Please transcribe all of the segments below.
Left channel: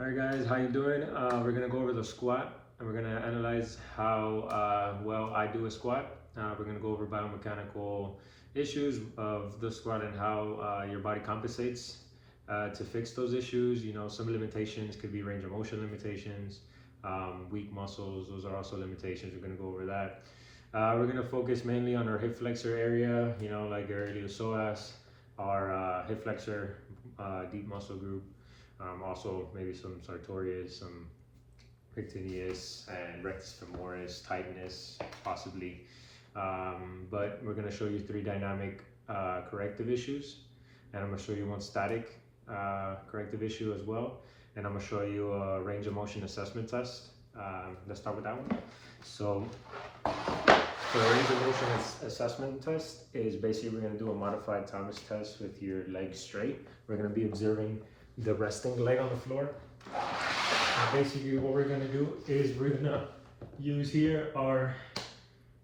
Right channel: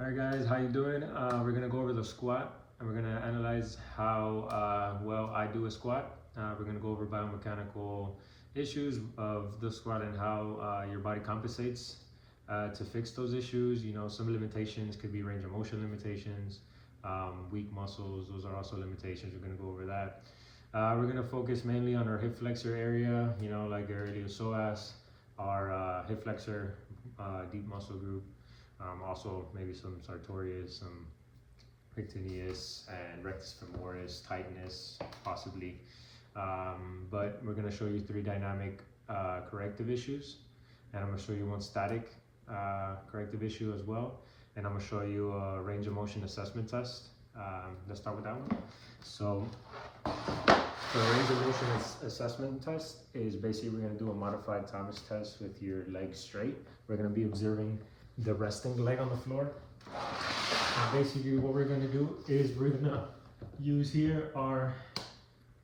All right, guys, how you doing? We're gonna go over the squat, and we're gonna analyze how well I do a squat. We're gonna go over biomechanical issues of the squat and how your body compensates to fix those issues. You know, some limitations could be range of motion limitations, weak muscles. Those are also limitations. We're gonna go over that. We're gonna focus mainly on our hip flexor area. You know, like our iliopsoas, our hip flexor, deep muscle group. Also maybe some sartorius, some rectilineus, and rectus femoris, tightness, possibly. But we're going to show you 3 dynamic corrective issues, and I'm going to show you 1 static corrective issue as well, and I'm going to show you a range of motion assessment test. Let's start with that one. So for a range of motion assessment test is basically we're going to do a modified Thomas test with your legs straight. We're going to be observing the resting leg on the floor. And basically what we're going to do is we're going to use here our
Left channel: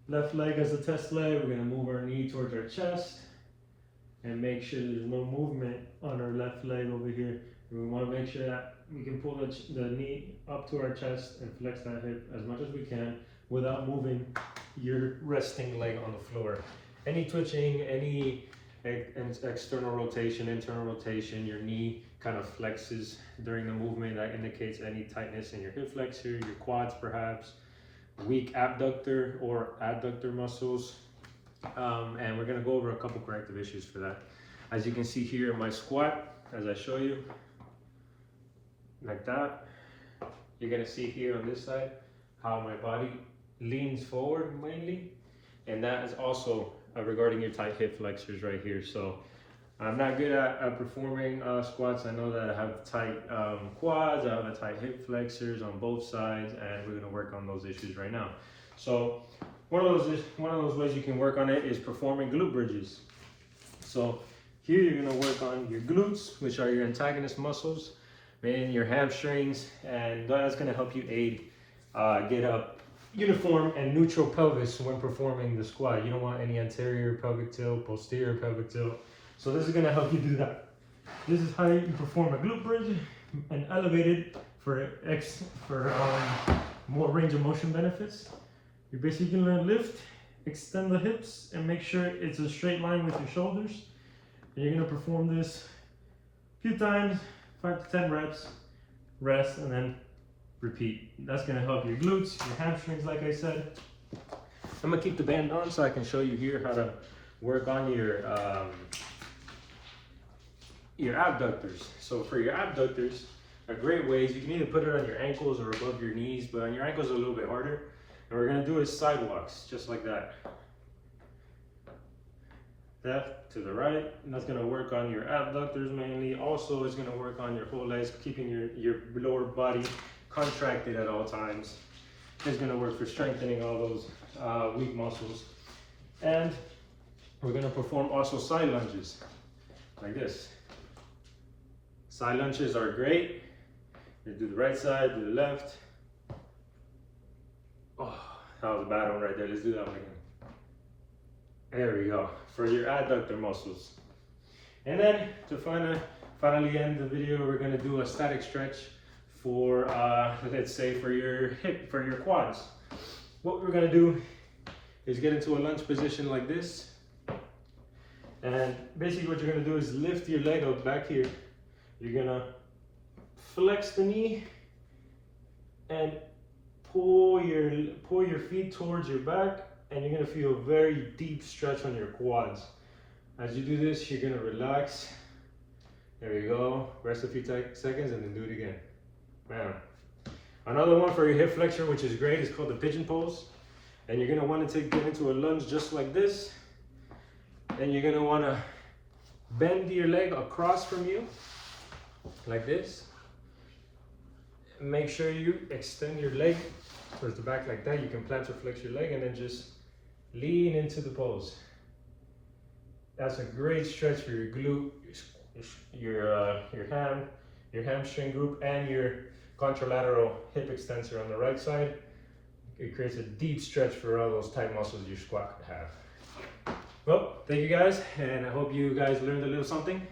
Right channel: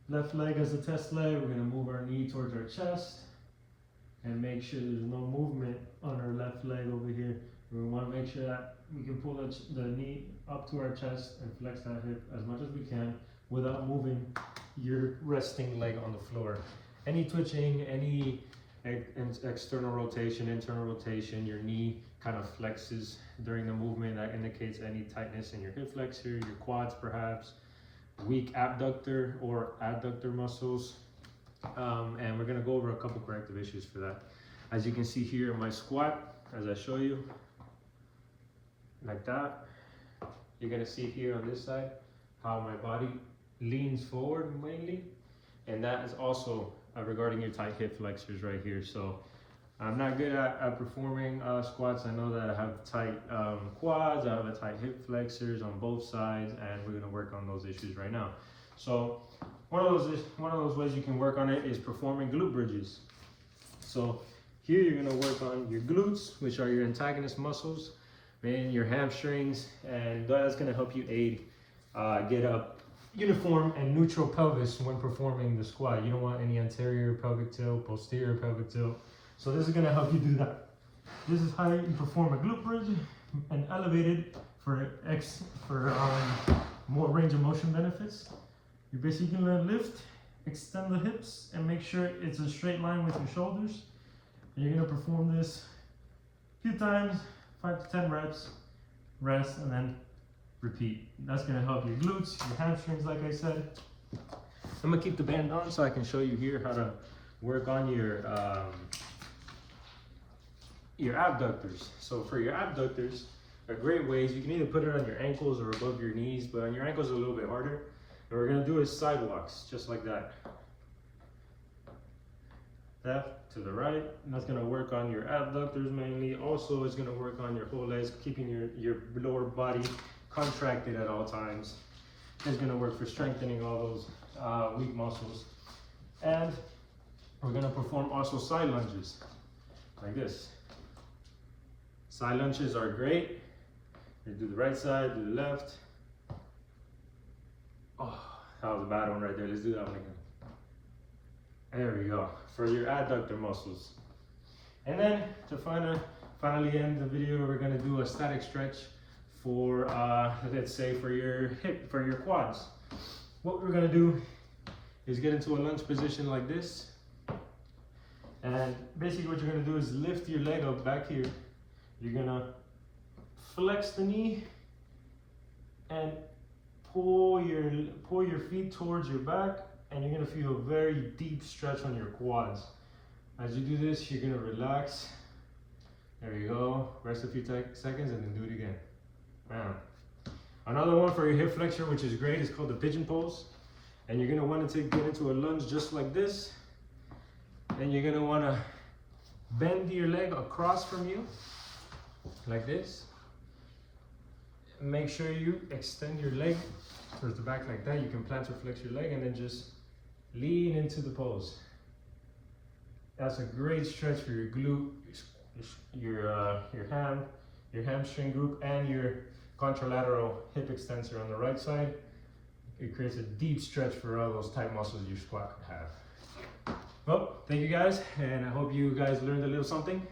left leg as a test leg. We're going to move our knee towards our chest and make sure there's no movement on our left leg over here. And we want to make sure that we can pull the knee up to our chest and flex that hip as much as we can without moving your resting leg on the floor. Any twitching, any external rotation, internal rotation, your knee kind of flexes during the movement. That indicates any tightness in your hip flexor, your quads perhaps, weak abductor or adductor muscles. And we're gonna go over a couple corrective issues for that. As you can see here in my squat, as I show you, like that, you're gonna see here on this side how my body leans forward mainly, and that is also regarding your tight hip flexors right here. So I'm not good at performing squats. I know that I have tight quads, I have a tight hip flexors on both sides, and we're gonna work on those issues right now. So one of those ways you can work on it is performing glute bridges. So here you're gonna work on your glutes, which are your antagonist muscles, and your hamstrings, and that's gonna help you aid get up uniform and neutral pelvis when performing the squat. You don't want any anterior pelvic tilt, posterior pelvic tilt. So this is going to help you do that. This is how you perform a glute bridge and elevated for more range of motion benefits. You're basically going to lift, extend the hips, and make sure it's a straight line with your shoulders. And you're going to perform this a few times, 5 to 10 reps, rest, and then repeat. That's going to help your glutes, your hamstrings, like I said. I'm going to keep the band on so I can show you here how to work on your abductors. So for your abductors, a great way is you can either put it on your ankles or above your knees, but on your ankles a little bit harder. And we're going to do is sidewalks, just like that. Left to the right, and that's going to work on your abductors mainly. Also, it's going to work on your whole legs, keeping your lower body contracted at all times. It's going to work for strengthening all those weak muscles. And we're going to perform also side lunges like this. Side lunges are great. You do the right side, do the left. Oh, that was a bad one right there. Let's do that one again. There we go, for your adductor muscles. And then to finally end the video, we're going to do a static stretch for let's say for your quads. What we're going to do is get into a lunge position like this, and basically what you're going to do is lift your leg up back here. You're going to flex the knee and pull your feet towards your back, and you're going to feel a very deep stretch on your quads. As you do this, you're going to relax. There you go. Rest a few seconds and then do it again. Man. Another one for your hip flexor, which is great, is called the pigeon pose. And you're going to want to get into a lunge just like this. And you're going to want to bend your leg across from you, like this. Make sure you extend your leg towards the back like that. You can plantar flex your leg and then just lean into the pose. That's a great stretch for your glute, your hamstring group, and your contralateral hip extensor on the right side. It creates a deep stretch for all those tight muscles your squat could have. Well, thank you guys, and I hope you guys learned a little something.